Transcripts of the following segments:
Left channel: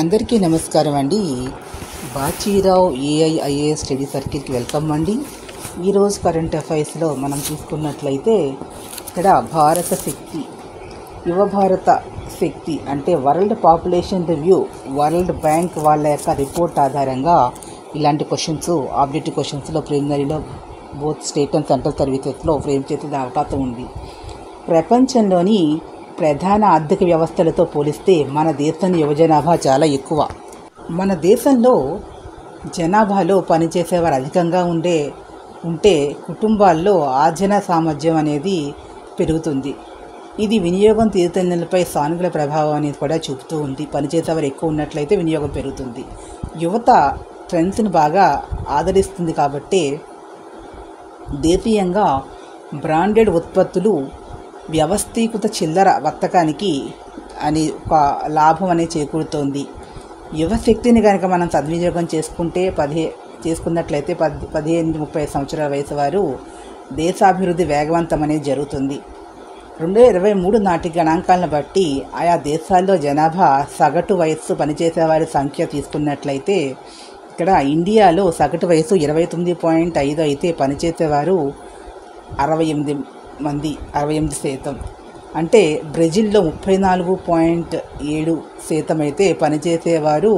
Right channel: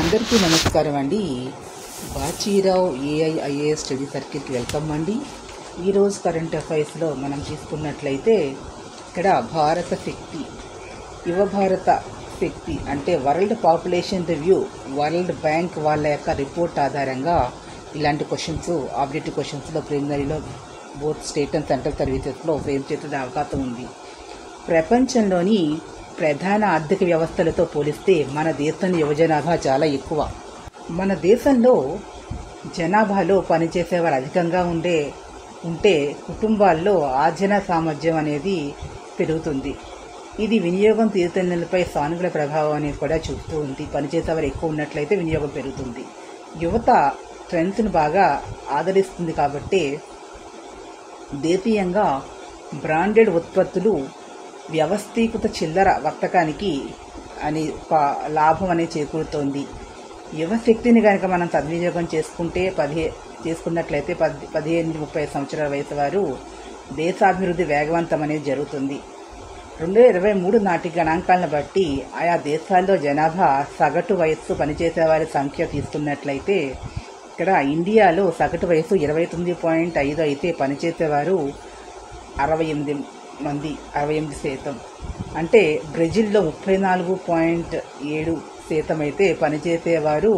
అందరికీ నమస్కారం అండి. బాచీరావు ఏఐఐఏఎస్ స్టడీ సర్కిల్కి వెల్కమ్ అండి. ఈరోజు కరెంట్ అఫైర్స్లో మనం చూసుకున్నట్లయితే ఇక్కడ భారత శక్తి, యువ భారత శక్తి అంటే world population review, world bank వాళ్ళ యొక్క రిపోర్ట్ ఆధారంగా ఇలాంటి క్వశ్చన్స్, ఆబ్జెక్టివ్ క్వశ్చన్స్లో ప్రిలిమినరీలో బోత్ స్టేట్ అండ్ సెంట్రల్ సర్వీసెస్లో ఫ్రేమ్ చేసే అవకాశం ఉంది. ప్రపంచంలోని ప్రధాన ఆర్థిక వ్యవస్థలతో పోలిస్తే మన దేశం యువజనాభా చాలా ఎక్కువ. మన దేశంలో జనాభాలో పనిచేసేవారు అధికంగా ఉంటే కుటుంబాల్లో ఆర్జన సామర్థ్యం అనేది పెరుగుతుంది. ఇది వినియోగం తీరుతెన్నులపై సానుకూల ప్రభావం అనేది కూడా చూపుతూ ఉంది. పనిచేసేవారు ఎక్కువ ఉన్నట్లయితే వినియోగం పెరుగుతుంది. యువత ట్రెండ్స్ని బాగా ఆదరిస్తుంది కాబట్టి దేశీయంగా బ్రాండెడ్ ఉత్పత్తులు వ్యవస్థీకృత చిల్లర వర్తకానికి అని ఒక లాభం అనేది చేకూరుతోంది. యువశక్తిని కనుక మనం సద్వినియోగం చేసుకున్నట్లయితే 18-30 సంవత్సరాల వయసు వారు దేశాభివృద్ధి వేగవంతం అనేది జరుగుతుంది. 2023 నాటి గణాంకాలను బట్టి ఆయా దేశాల్లో జనాభా సగటు వయస్సు పనిచేసేవారి సంఖ్య తీసుకున్నట్లయితే ఇక్కడ ఇండియాలో సగటు వయసు 29.5 అయితే పనిచేసేవారు 68%. అంటే బ్రెజిల్లో 34.7% అయితే పనిచేసేవారు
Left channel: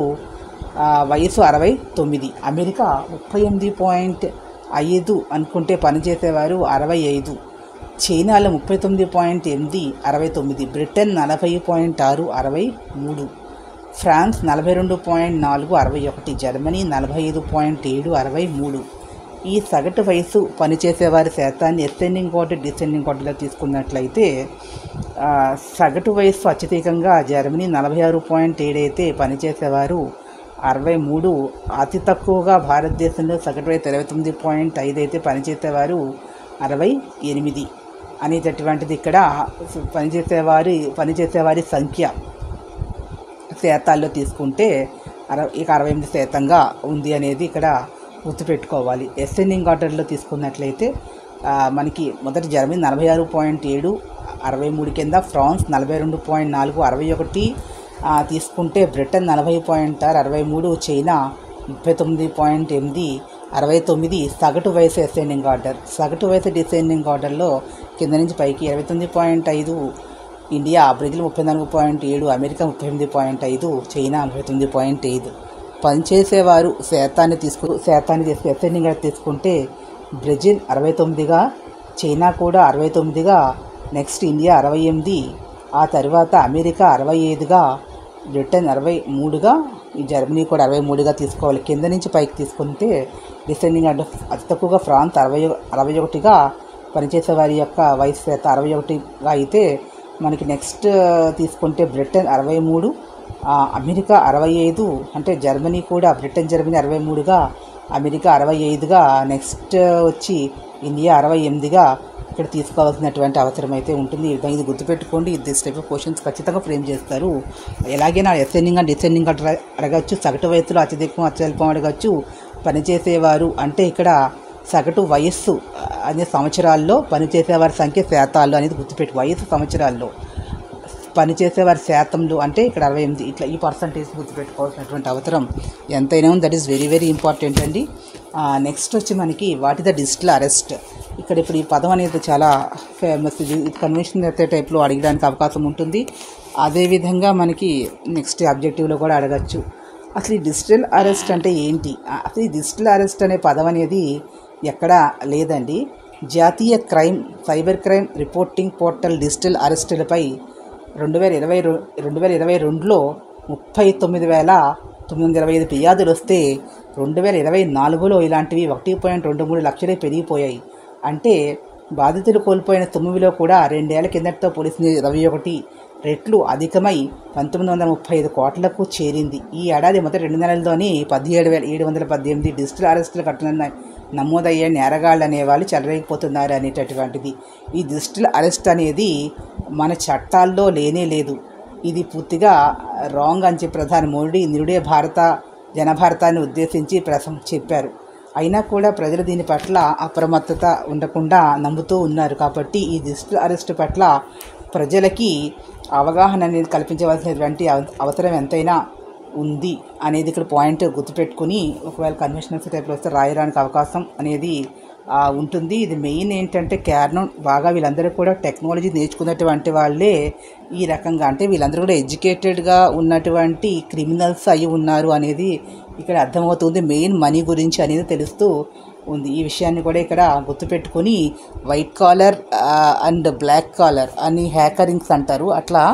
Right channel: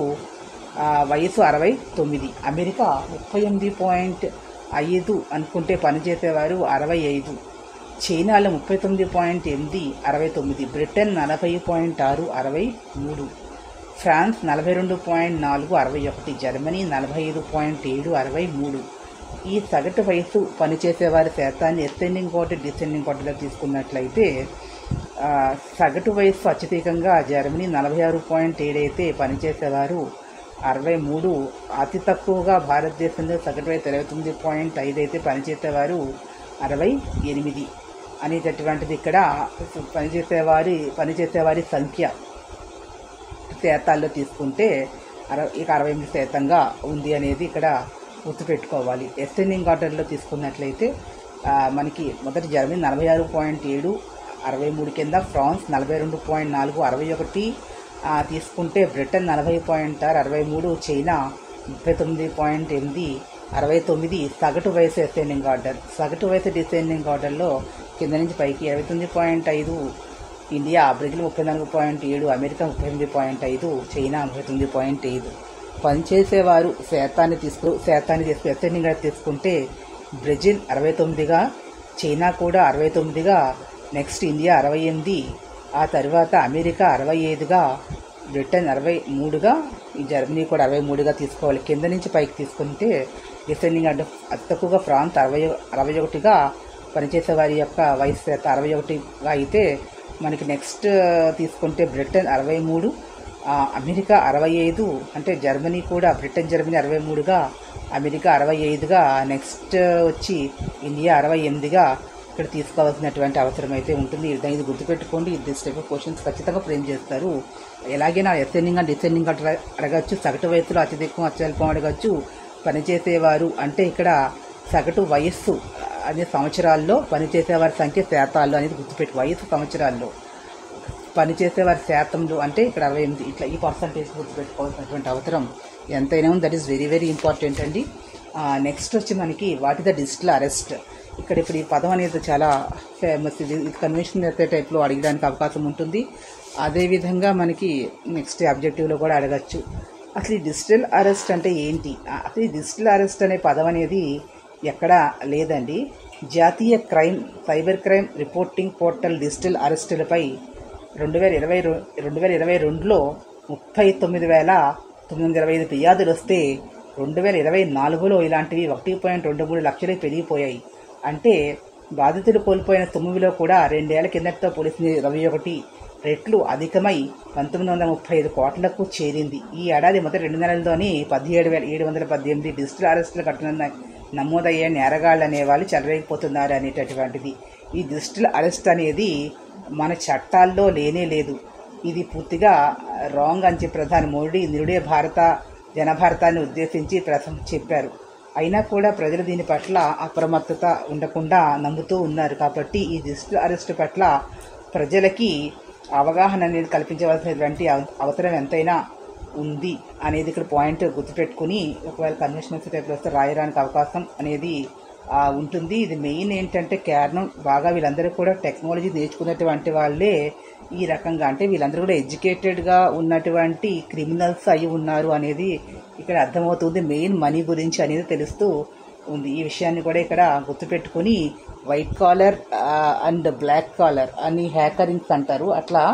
వయసు 69. అమెరికా 38.5 అనుకుంటే పనిచేసేవారు 65. చైనాలో 39.8 69. బ్రిటన్ 40.6 63. ఫ్రాన్స్ 42.4 61. జర్మనీ 45.7 63. ఈ సగటు వయసు పనిచేసేవారి శాతాన్ని అసెండింగ్ ఆర్డర్, డిసెండింగ్ ఆర్డర్లో తీసుకున్నట్లయితే సగటు వయస్సు అత్యధికంగా జర్మనీ 46.7 అయితే పనిచేసేవారు 63. అతి తక్కువగా భారతదేశంలో సగటు వయసు 29.5 అయితే పనిచేసేవారు 68 అనేటటువంటిది ఇక్కడ పనిచేసేవారి సంఖ్య శాతాల్లో తీసుకుంటే 68% ఉంది అనేది ఇక్కడ గుర్తుపెట్టుకోవాలి. అసెండింగ్ ఆర్డర్లో తీసుకున్నట్లయితే మనకి మొదటి జర్మనీ 46.7 63 కింద, ఫ్రాన్స్ 42.4 61 తీసుకుంటే, బ్రిటన్ 40.6 63, చైనా 39.8 69. సగటు వయసు అసెండింగ్ ఆర్డర్. సగటు వయసు డిసెండింగ్ ఆర్డర్లో కింద నుంచి పైకి 29.5 ఇండియా, బ్రెజిల్ 34.7, అమెరికా 38.5, చైనా 39.5. పనిచేసేవారు శాతాన్ని తీసుకు అసెండింగ్ ఆర్డర్ తీసుకుంటే బ్రెజిల్ 69గా, చైనా కూడా 69గా, నెక్స్ట్ ఇండియా 68, ఆ తర్వాత అమెరికా 65గా, బ్రిటన్ 63గా, జర్మనీ కూడా 63గా తీసుకోవాలి. కింద నుంచి పైకి తీసుకుంటే డిసెండింగ్ ఆర్డర్ అతి తక్కువగా ఫ్రాన్స్ 61గా, పనిచేసేవారి యొక్క వయసు శాతం 61గా అయితే మనకి నెక్స్ట్ తీసుకుంటే బ్రిటన్ 63, అమెరికా 65, అంటే జర్మనీ కూడా జర్మనీ 63గా, అమెరికా 65గా, నెక్స్ట్ వచ్చి ఇండియా 68గా ఇక్కడ తీసుకోవాల్సినటువంటి అవసరం అయితే ఉంటుంది. ఇది గుర్తుపెట్టుకోండి. దిస్ టైప్ ఆఫ్ క్వశ్చన్స్ ఖచ్చితంగా ఫ్రేమ్ చేస్తారు. ఎలాగైనా అసెండింగ్ అండ్ డిసెండింగ్ అడగచ్చు, సగటు వయసులో అత్యధికం అత్యల్పం అడగచ్చు. పనిచేసేవారు అంటే ఇక్కడ సగటు వయస్సు అనే సంవత్సరాల్లో పనిచేసేవారి సంఖ్య శాతాల్లో అనేది గుర్తుపెట్టు. వయసు సంవత్సరాల్లో పనిచేసేవారి శాతంలో అంటే ఇక్కడ 68, ఇట్లా ఈ పర్సంటేజ్ గుర్తుపెట్టుకోవాల్సినటువంటి అవసరం ఎంతైనా ఉంది. That is very very important అండి. నెక్స్ట్ వచ్చి మనకి what is the digital arrest. ఇప్పుడు ఈ పదం అనేది చాలా ఫేమస్. ఇది కన్వెన్షన్ టైప్లో అడగడానికి అవకాశం ఉంటుంది. అదేవిధంగా మనకి నెక్స్ట్ ఆబ్జెక్టివ్లో కూడా అడగచ్చు. అసలు ఈ డిజిటల్ అరెస్ట్ అంటే ఏంటి? అసలు ఈ డిజిటల్ అరెస్ట్ అనే పదం అనేది ఎక్కడా లేదండి. జాతీయ cyber crime reporting portal digital అరెస్టులపై 2022లో 39,925 ఫిర్యాదులు వస్తే 2024లో ఇలాంటివి 1.23 లక్షలు పెరిగిపోయాయి. అంటే బాధితులు కోల్పోయిన సొమ్ములో కూడా 2 ఏళ్ల కిందటితో పోలిస్తే 21 రెట్లు అధికమై 1935 కోట్లకు చేరింది. ఈ ఏడాది మొదటి 2 నెలల్లోనే 17,718 డిజిటల్ అరెస్టులు నమోదయ్యే నేరగాళ్ళు అనేవాళ్ళు చెలరేగిపోతున్నారు అనేటటువంటిది. ఈ డిజిటల్ అరెస్ట్ అనేది మన చట్టాల్లో లేనే లేదు. ఇది పూర్తిగా రాంగ్ అని చెప్పి ప్రధాని మోడీ నిరుడే జనభారతాన్ని ఉద్దేశించి చెప్పారు. అయినా కూడా ప్రజలు దీని పట్ల అప్రమత్తత ఉండకుండా నమ్ముతూ ఉన్నారు. కాబట్టి ఈ డిజిటల్ అరెస్ట్ పట్ల ప్రజలకి అవగాహన అనేది కల్పించవలసినటువంటి అవసరం ఎంతైనా ఉంది అనేది ఇక్కడ పాయింట్ గుర్తుపెట్టుకుని ఒకవేళ కన్వెన్షనల్ టైప్లో వస్తే రాయడానికి అవకాశం అనేది ఉంటుంది. ఇది మెయిన్ ఏంటంటే కారణం బాగా వీళ్ళందరూ కూడా టెక్నాలజీ నేర్చుకున్నటువంటి వాళ్ళే ఈ రకంగా, అంటే వీళ్ళందరూ కూడా ఎడ్యుకేటెడ్గా ఉన్నటువంటి క్రిమినల్స్ అయి ఉన్నారు అనేది ఇక్కడ అర్థమవుతుంది. మెయిన్ మనీ గురించి అనేది తెలుస్తూ ఉంది. ఈ విషయాన్ని కూడా ఇక్కడ గుర్తుపెట్టుకొని white collar and black collar అని హ్యాకరింగ్స్ అంటారు. అట్లా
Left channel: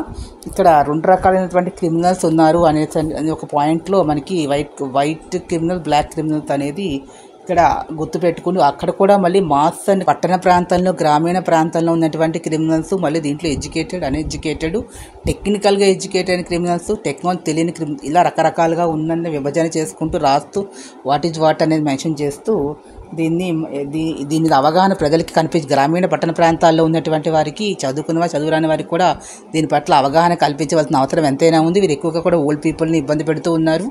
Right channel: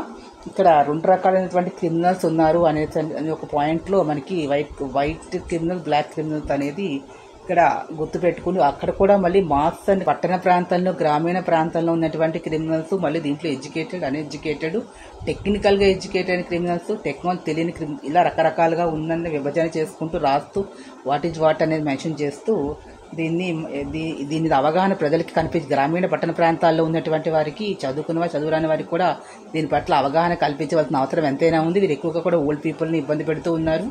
ఇక్కడ 2 రకాలైనటువంటి క్రిమినల్స్ ఉన్నారు అనేది ఒక పాయింట్లో మనకి వైట్ క్రిమినల్, బ్లాక్ క్రిమినల్స్ అనేది ఇక్కడ గుర్తుపెట్టుకుని అక్కడ కూడా మళ్ళీ మాస్ అండ్ పట్టణ ప్రాంతాల్లో, గ్రామీణ ప్రాంతాల్లో ఉన్నటువంటి క్రిమినల్స్, మళ్ళీ దీంట్లో ఎడ్యుకేటెడ్, అన్ఎడ్యుకేటెడ్, టెక్నికల్గా ఎడ్యుకేటెడ్ క్రిమినల్స్, టెక్నాలజీ తెలియని క్రిమినల్, ఇలా రకరకాలుగా ఉన్న విభజన చేసుకుంటూ రాస్తూ వాట్ ఈజ్ వాట్ అనేది మెన్షన్ చేస్తూ దీని మీద అవగాహన ప్రజలకి కనిపించి గ్రామీణ పట్టణ ప్రాంతాల్లో ఉన్నటువంటి వారికి, చదువురాని వారికి కూడా దీని పట్ల అవగాహన కల్పించవలసిన అవసరం ఎంతైనా ఉంది. వీరు ఎక్కువగా కూడా ఓల్డ్ పీపుల్ని ఇబ్బంది పెడుతూ ఉన్నారు.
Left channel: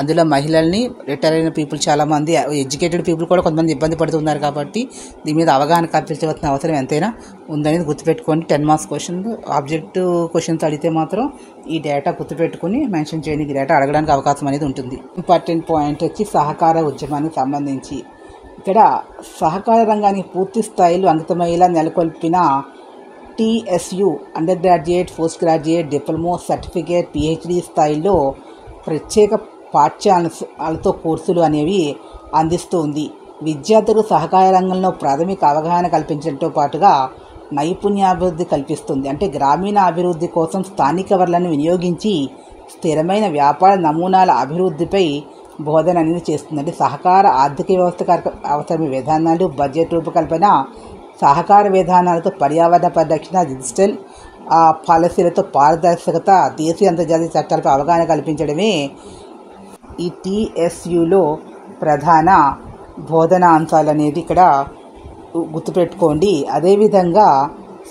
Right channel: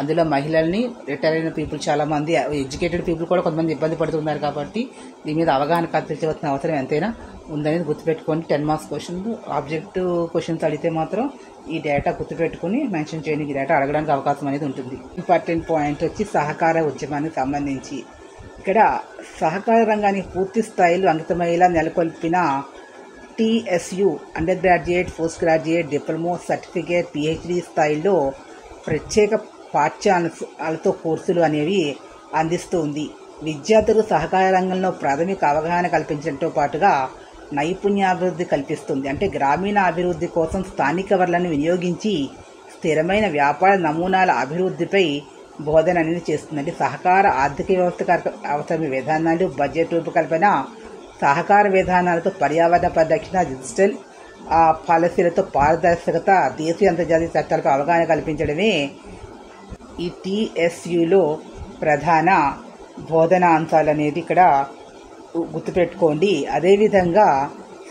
అందులో మహిళల్ని, రిటైర్ అయిన పీపుల్ చాలామంది, ఎడ్యుకేటెడ్ పీపుల్ కూడా కొంతమంది ఇబ్బంది పడుతున్నారు. కాబట్టి దీని మీద అవగాహన కల్పించవలసిన అవసరం ఎంతైనా ఉందనేది గుర్తుపెట్టుకోండి. 10 మార్క్స్ క్వశ్చన్, ఆబ్జెక్టివ్ క్వశ్చన్స్ అడిగితే మాత్రం ఈ డేటా గుర్తుపెట్టుకుని మెన్షన్ చేయడానికి డేటా అడగడానికి అవకాశం అనేది ఉంటుంది. ఇంపార్టెంట్ పాయింట్ వచ్చి సహకార ఉద్యమానికి సంబంధించి ఇక్కడ సహకార రంగానికి పూర్తి స్థాయిలో అంకితమయ్యేలా నెలకొల్పిన TSU under graduate, post graduate, diploma, certificate, PhD స్థాయిలో ప్రత్యేక పాఠ్యాంశాలతో కోర్సులు అనేవి అందిస్తూ ఉంది. విద్యార్థులకు సహకార రంగంలో ప్రాథమిక అవగాహన కల్పించడంతో పాటుగా నైపుణ్యాభివృద్ధి కల్పిస్తుంది. అంటే గ్రామీణ అభివృద్ధి కోసం స్థానిక వనరులను వినియోగించి స్థిరమైన వ్యాపార నమూనాల అభివృద్ధిపై బోధన అనేది చేస్తుంది. అంటే సహకార ఆర్థిక వ్యవస్థ అవసరమైన విధానాలు, బడ్జెట్ రూపకల్పన, సహకార విధానాలతో పర్యావరణ పరిరక్షణ, డిజిటల్ పాలసీలతో పారదర్శకత, దేశీయ అంతర్జాతీయ చట్టాలపై అవగాహన కల్పించడమే ఈ TSUలో ప్రధాన బోధనా అంశాలు అనేది ఇక్కడ గుర్తుపెట్టుకోండి. అదేవిధంగా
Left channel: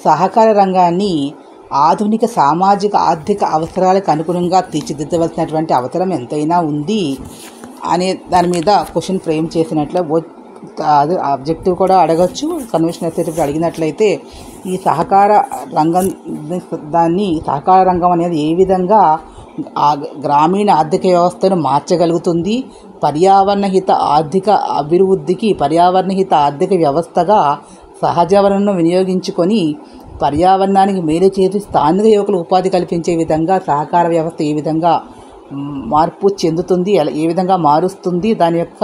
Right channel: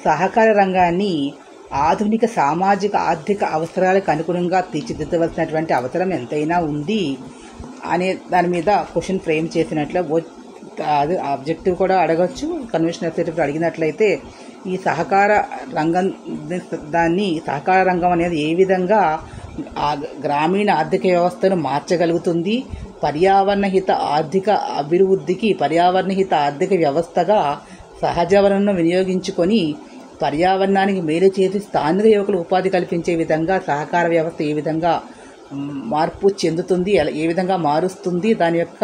సహకార రంగాన్ని ఆధునిక సామాజిక ఆర్థిక అవసరాలకు అనుగుణంగా తీర్చిదిద్దవలసినటువంటి అవసరం ఎంతైనా ఉంది అనే దాని మీద క్వశ్చన్ ఫ్రేమ్ చేసినట్లు అది ఆబ్జెక్టివ్ కూడా అడగచ్చు. కన్వెన్షన్ ఎస్ఏటప్పుడు అడిగినట్లయితే ఈ సహకార రంగం అనేది ఏ విధంగా గ్రామీణ ఆర్థిక వ్యవస్థను మార్చగలుగుతుంది, పర్యావరణహిత ఆర్థిక అభివృద్ధికి పర్యావరణహిత ఆర్థిక వ్యవస్థగా సహజ వనరులను వినియోగించుకొని పర్యావరణానికి మేలు చేసి స్థానిక యువకులకు ఉపాధి కల్పించే విధంగా సహకార వ్యవస్థ ఏ విధంగా మార్పు చెందుతుంది, ఏ విధంగా మారుస్తుంది, దాని యొక్క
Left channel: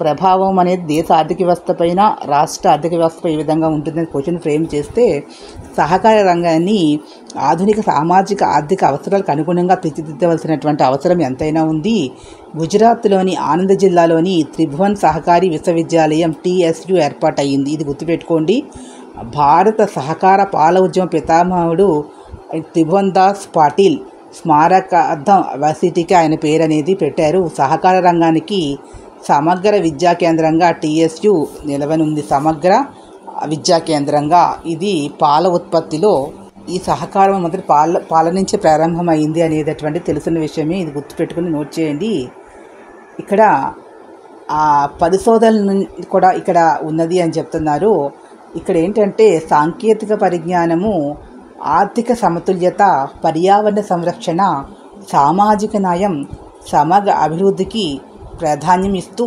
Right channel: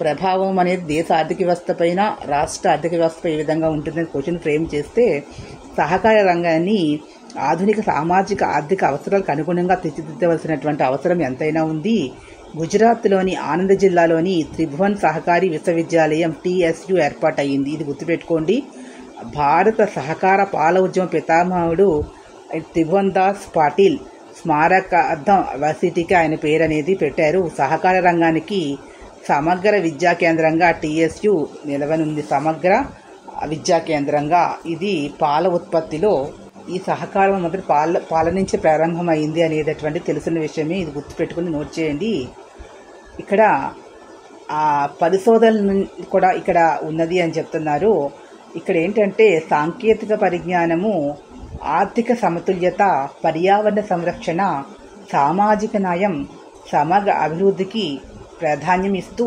ప్రభావం అనేది దేశ ఆర్థిక వ్యవస్థ పైన, రాష్ట్ర ఆర్థిక వ్యవస్థపై ఏ విధంగా ఉంటుందని క్వశ్చన్ ఫ్రేమ్ చేస్తే సహకార రంగాన్ని ఆధునిక సామాజిక ఆర్థిక అవసరాలకు అనుగుణంగా తీర్చిదిద్దవలసినటువంటి అవసరం ఎంతైనా ఉంది. గుజరాత్లోని ఆనంద్ జిల్లాలోని త్రిభువన్ సహకారి విశ్వవిద్యాలయం TSU ఏర్పాటయ్యింది. ఇది గుర్తుపెట్టుకోండి. భారత సహకార పాల ఉద్యమ పితామహుడు త్రిభువన్ దాస్ పాటిల్ స్మారకార్థం వర్సిటీకి ఆయన పేరు అనేది పెట్టారు. సహకార రంగానికి సమగ్ర విద్యా కేంద్రంగా TSU నిలవనుంది. సమగ్ర విద్యా కేంద్రంగా ఇది పాల ఉత్పత్తిలో ఈ సహకారం మొదటి పాల నుంచి ప్రారంభమైంది అనేటటువంటి తెలిసిన విషయమే. ఇది గుర్తుపెట్టుకుని నోట్ చేయండి. ఇక్కడ పరిశోధన కూడా ఇక్కడ ఉన్నది అని చెప్తున్నారు. ఇక్కడ ఏంటంటే సాంకేతిక పరిజ్ఞానము, ఆర్థిక సమతుల్యత, పర్యావరణ సంరక్షణ, సామాజిక న్యాయం, సమగ్ర అభివృద్ధికి ప్రాధాన్యం ఇస్తూ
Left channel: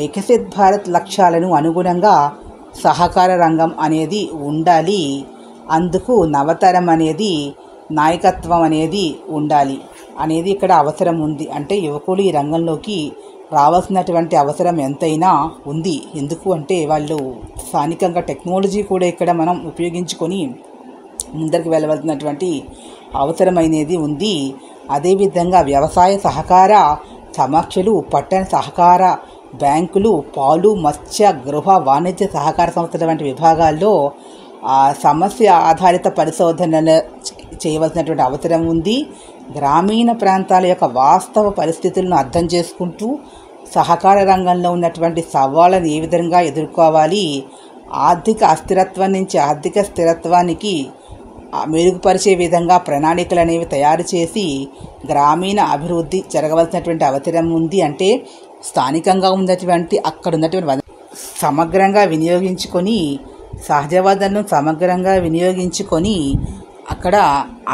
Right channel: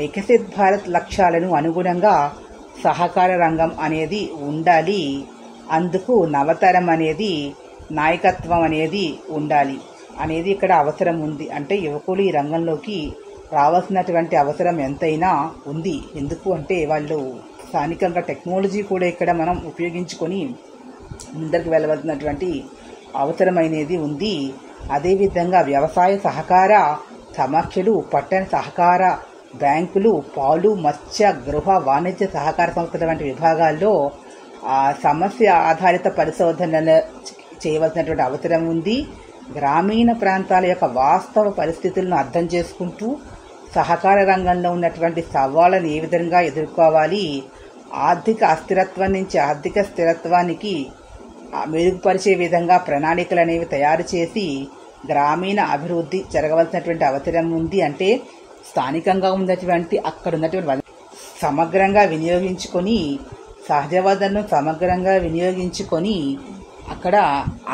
వికసిత్ భారత్ లక్ష్యాలను అనుగుణంగా సహకార రంగం అనేది ఉండాలి. అందుకు నవతరం అనేది, నాయకత్వం అనేది ఉండాలి అనేది ఇక్కడ అవసరం ఉంది. అంటే యువకులు ఈ రంగంలోకి రావాల్సినటువంటి అవసరం ఎంతైనా ఉంది. ఎందుకు అంటే వాళ్ళు స్థానికంగా టెక్నాలజీ కూడా ఇక్కడ మనం ఉపయోగించుకొని ముందరికి వెళ్ళవలసినటువంటి అవసరమైనది ఉంది. అదేవిధంగా వ్యవసాయ సహకార సమీక్షలు, పట్టణ సహకార బ్యాంకులు, పాలు, మత్స్య, గృహ, వాణిజ్య సహకార సంస్థల వంటి విభాగాల్లో సమస్య ఆధారిత పరిశోధనలు చేయవలసినటువంటి అవసరం ఉంది. గ్రామీణ ప్రాంతాల యొక్క వాస్తవ పరిస్థితులను అర్థం చేసుకుంటూ సహకార రంగంలో ఉన్నటువంటి సవాళ్ళను ఏ విధంగా ఎదుర్కోవాలి, ఆర్థిక అస్థిరత్వం నుంచి ఆర్థిక స్థిరత్వానికి మెరుగుపరిచే విధంగా ప్రణాళికలు అనేవి తయారు చేసి గ్రామీణ అభివృద్ధి జరగవలసినటువంటి అవసరం ఉంది. అంటే స్థానికంగా ఉన్నటువంటి అక్కడ ఉన్నటువంటి సమగ్రంగా వినియోగించుకొని, సహజ వనరులను సమగ్రంగా వినియోగించుకొని అక్కడ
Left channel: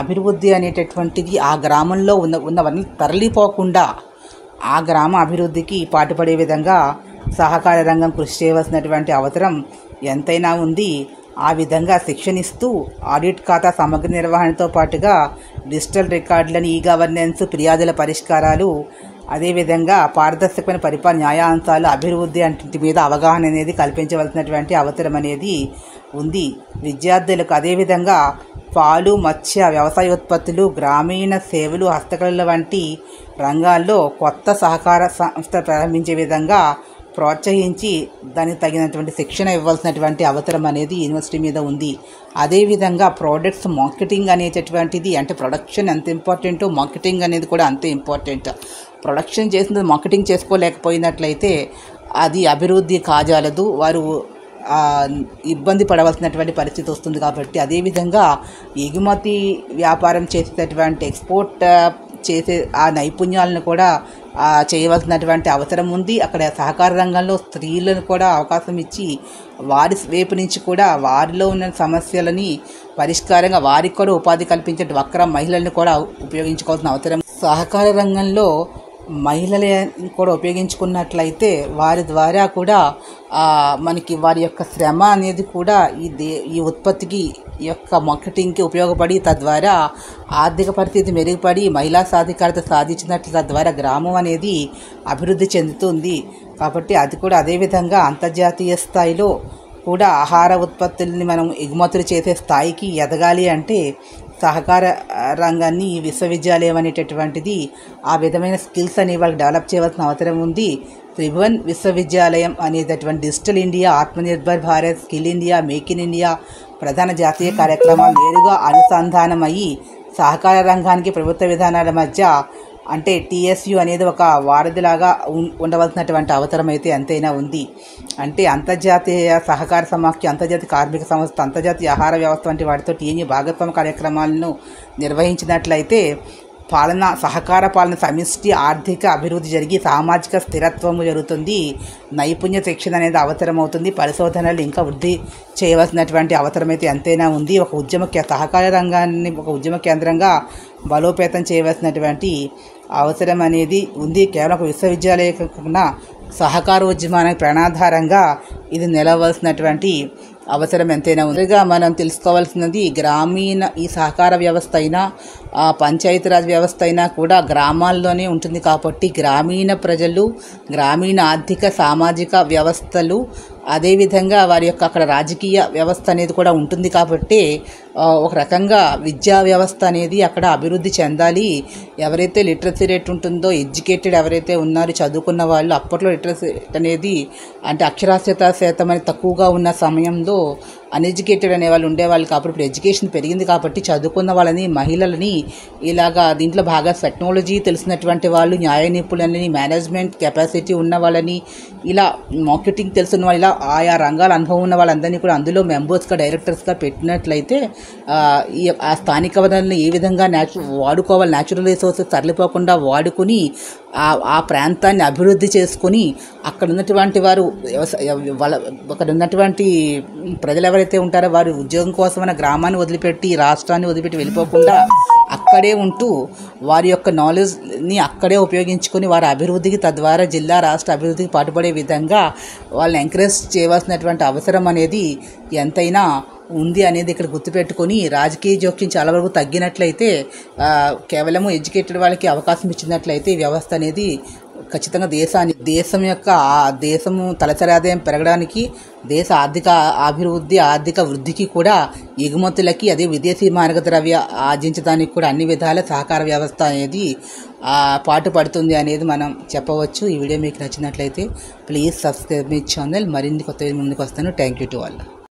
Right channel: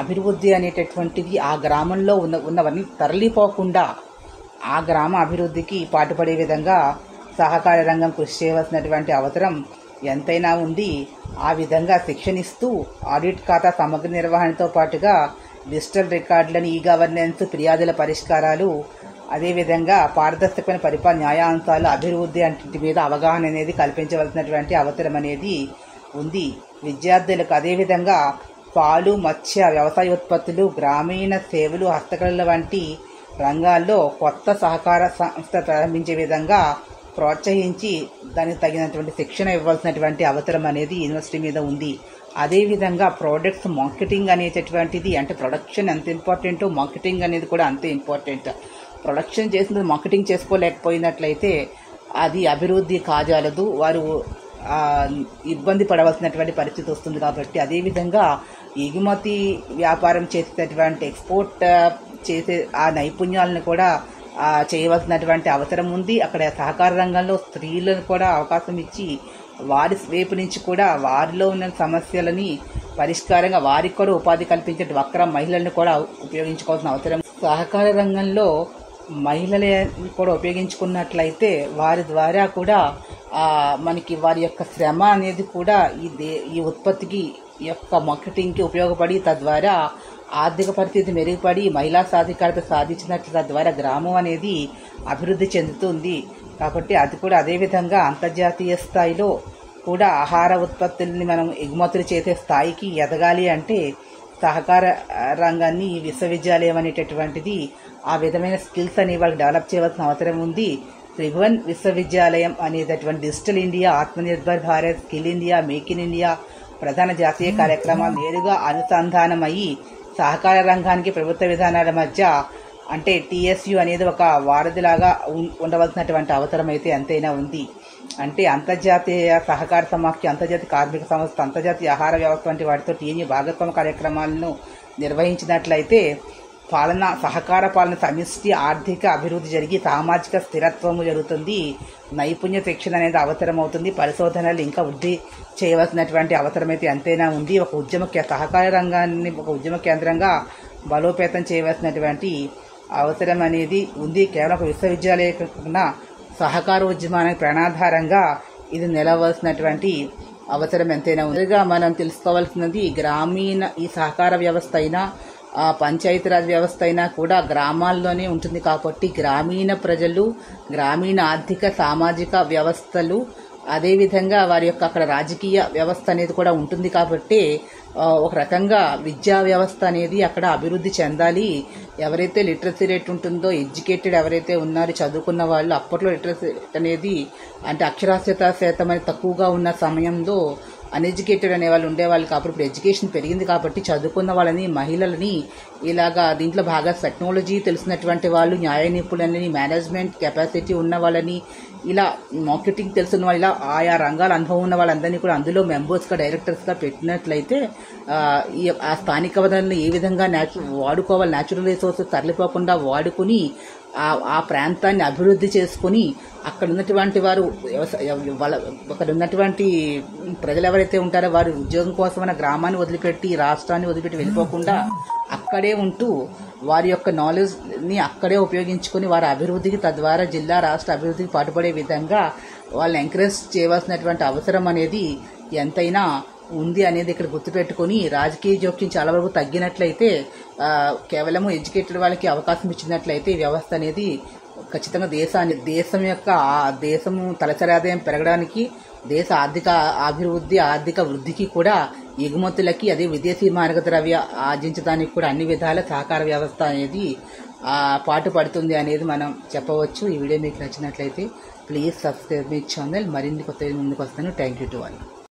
అభివృద్ధి అనేటటువంటిది ఆ గ్రామంలో ఉన్నవన్నీ తరలిపోకుండా ఆ గ్రామ అభివృద్ధికి పాటుపడే విధంగా సహకార రంగం కృషి చేయవలసినటువంటి అవసరం ఎంతైనా ఉంది. ఆ విధంగా శిక్షణ ఇస్తూ ఆడిట్ ఖాతా సమగ్ర నిర్వహణతో పాటుగా డిజిటల్ రికార్డులను, ఈ గవర్నెన్స్, ఫిర్యాదుల పరిష్కారాలు, అదేవిధంగా పారదర్శకమైన పరిపాలన, న్యాయాంశాలు, అభివృద్ధి అంటి మీద అవగాహన అనేది కల్పించవలసినటువంటి అవసరం అనేది ఉంది. విద్యార్థులకు అదేవిధంగా పాలు, మత్స్య, వ్యవసాయ ఉత్పత్తులు, గ్రామీణ సేవలు, హస్తకళల వంటి రంగాల్లో కొత్త సహకార సంస్థ ప్రారంభించే విధంగా ప్రోత్సహించి దానికి తగినటువంటి శిక్షణ ఇవ్వాల్సినటువంటి అవసరం అనేది యూనివర్సిటీ మీద ఉంది. అదేవిధంగా ప్రోడక్ట్స్ మార్కెటింగ్ అనేటటువంటిది, అంటే ప్రొడక్షన్ ఎంత ఇంపార్టెంటో మార్కెటింగ్ అనేది కూడా అంతే ఇంపార్టెంట్. ప్రొడక్షన్ చేసినది మార్కెటింగ్ చేసుకోలేకపోయినట్లయితే అది అభివృద్ధి కాజాలదు, వారు ఇబ్బంది పడవలసినటువంటి పరిస్థితి వస్తుంది. కాబట్టి అదేవిధంగా ఎగుమతి వ్యాపారం చేసేటటువంటి ఎక్స్పోర్ట్ చేసే ఆ నైపుణ్యాలను కూడా చేయవలసినటువంటి అవసరం ఉంది. అక్కడ సహకార రంగంలో స్త్రీలను కూడా అవకాశం ఇచ్చి వారి వైపు నుంచి కూడా వారిలో ఉన్న సమస్యలని పరిష్కారంగా వారికి కూడా ఉపాధి కల్పించే డ్వాక్రా మహిళలను కూడా ఉపయోగించుకోవాల్సిన అవసరం. సహకార రంగంలో మహిళలను కూడా ఉపయోగించుకున్నట్లయితే వారి ద్వారా కూడా మనకి వారి యొక్క శ్రమ అనేది కూడా ఈ ఉత్పత్తికి యొక్క మార్కెటింగ్కి ఉపయోగపడి తద్వారా ఆర్థిక పరిస్థితి మెరుగుపడి మహిళా సాధికారత సాధించినట్లు తద్వారా గ్రామం అనేది అభివృద్ధి చెందుతుంది. కాబట్టి అది కూడా అదేవిధంగా అంతర్జాతీయ స్థాయిలో కూడా ఆహార ఉత్పత్తుల్ని మనం ఎగుమతులు చేసే స్థాయికి ఎదగాలి అంటే సహకార రంగాన్ని ఈ విశ్వవిద్యాలయం అనేటటువంటిది ఆ విధమైన స్కిల్స్ అనేవి వాళ్ళకి డెవలప్ చేయవలసిన అవసరం ఉంది. త్రిభువన్ విశ్వవిద్యాలయం అనేటటువంటి digital India, Atmanirbhar Bharat, skill India, make in India ప్రధాన జాతీయ కార్యక్రమాలు నేరుగా అనుసంధానమయ్యి సహకార రంగానికి ప్రభుత్వ విధానాల మధ్య అంటే TSU అనేది ఒక వారధిలాగా ఉండవలసినటువంటి అవసరం అయితే ఎంతైనా ఉంది. అంటే అంతర్జాతీయ సహకార సమాఖ్య, అంతర్జాతీయ కార్మిక సంస్థ, అంతర్జాతీయ ఆహార వ్యవస్థ వంటి వాటితో TNU భాగస్వామ్య కార్యక్రమాలను నిర్వహించినట్లయితే సహకార పాలన సమిష్టి ఆర్థిక అభివృద్ధి జరిగి సామాజిక స్థిరత్వము జరుగుతుంది. నైపుణ్య శిక్షణ అనేది అవసరమవుతుంది. పరిశోధనలు ఇంకా వృద్ధి చేయవలసినటువంటి అవసరం అయితే ఎంతైనా ఉంది. సహకార రంగాన్ని ఒక ఉద్యమ కేంద్రంగా బలోపేతం చేయవలసినటువంటి అవసరం అనేది ఉంది. కేవలం ఒక విశ్వవిద్యాలయం సహకార ఉద్యమానికి ప్రణాధారంగా ఇది నిలవలసినటువంటి అవసరం ఎంతైనా ఉందిగా మనం తెలుసుకోవాల్సినది. గ్రామీణ ఈ సహకార వ్యవస్థ అయినా పంచాయతీరాజ్ వ్యవస్థ అయినా కూడా గ్రామాల్లోనే ఉంటుంది. కాబట్టి గ్రామీణ ప్రజలు, గ్రామీణ ఆర్థిక సామాజిక వ్యవస్థలు, అదేవిధంగా వారి యొక్క అక్కడ రాజకీయ వ్యవస్థ అనేది కూడా ఉంటుంది. కాబట్టి ఒక రకంగా విద్యా వ్యవస్థ అనేది అక్కడ అభివృద్ధి చెందాలి. ఎవరైతే లిటరసీ రేట్ ఉంటుందో, ఎడ్యుకేటెడ్ ఎవరైతే ఉన్నారో, చదువుకున్న వాళ్ళు, అప్పట్లో లిటరసీ అనేది అంటే అక్షరాస్యత శాతం అనేది తక్కువగా ఉన్న సమయంలో అన్ఎడ్యుకేటెడ్ అనే వాళ్ళు ఉండేవాళ్ళు. కాబట్టి ఇప్పుడు ఎడ్యుకేషన్ పెరిగింది కాబట్టి చదువుకున్న వాళ్ళని, మహిళలని ఇలాగా దీంట్లో బాగా టెక్నాలజీ తెలిసినటువంటి వాళ్ళు, న్యాయ నిపుణులని, మేనేజ్మెంట్ కెపాసిటీ ఉన్న వాళ్ళని, ఇలా మార్కెటింగ్ తెలుసున్న వాళ్ళు, ఇలా ఆయా రంగాల అనుభవం ఉన్న వాళ్ళందరినీ కూడా అందులో మెంబర్స్గా, డైరెక్టర్స్గా పెట్టినట్లయితే ఆ స్థానిక వనరులను ఏ విధంగా వాడుకోవాలి, న్యాచురల్ రిసోర్సెస్ తరలిపోకుండా వాడుకుని ఆ ప్రాంతాన్ని అభివృద్ధి చేసుకొని అక్కడ ఉన్నటువంటి వారు అక్కడ ఉన్నటువంటి ప్రజలు ఎవరైతే ఉంటారో వారు ఉద్యోగం కోసమైనా గ్రామాన్ని వదిలిపెట్టి, రాష్ట్రాన్ని వదిలిపెట్టి వెళ్ళిపోకుండా అక్కడే ఉంటూ వారి యొక్క నాలెడ్జ్ని అక్కడే ఉపయోగించుకొని వారి అభివృద్ధికి, తద్వారా జిల్లా రాష్ట్ర అభివృద్ధికి పాటుపడే విధంగా వాళ్ళని ఎంకరేజ్ చేయవలసినటువంటి అవసరం అనేది ఎంతైనా ఉంది అనేది ఇక్కడ గుర్తుపెట్టుకొని రాజకీయ జోక్యం చాలా వరకు తగ్గినట్లయితే, కేవలము ఎడ్యుకేటెడ్ వాళ్ళకి అవకాశం ఇచ్చినట్లయితే ఈ వ్యవస్థ అనేది ఖచ్చితంగా దేశము తలసరి ఆదాయం పెరగడానికి, దేశ ఆర్థిక అభివృద్ధి, ఆర్థిక వృద్ధికి కూడా, ఎగుమతులకి, అదే విదేశీ మారక ద్రవ్య ఆర్జించడానికి కూడా అన్ని విధాల సహకార వ్యవస్థ అనేది పాటుపడుతుంది అనేది మనం చెప్పవచ్చు. ఈ వీడియో మీకు నచ్చినట్లయితే ప్లీజ్ సబ్స్క్రైబ్ మై ఛానల్. మరిన్ని కొత్త ముందుకు వస్తాను. Thank you to all.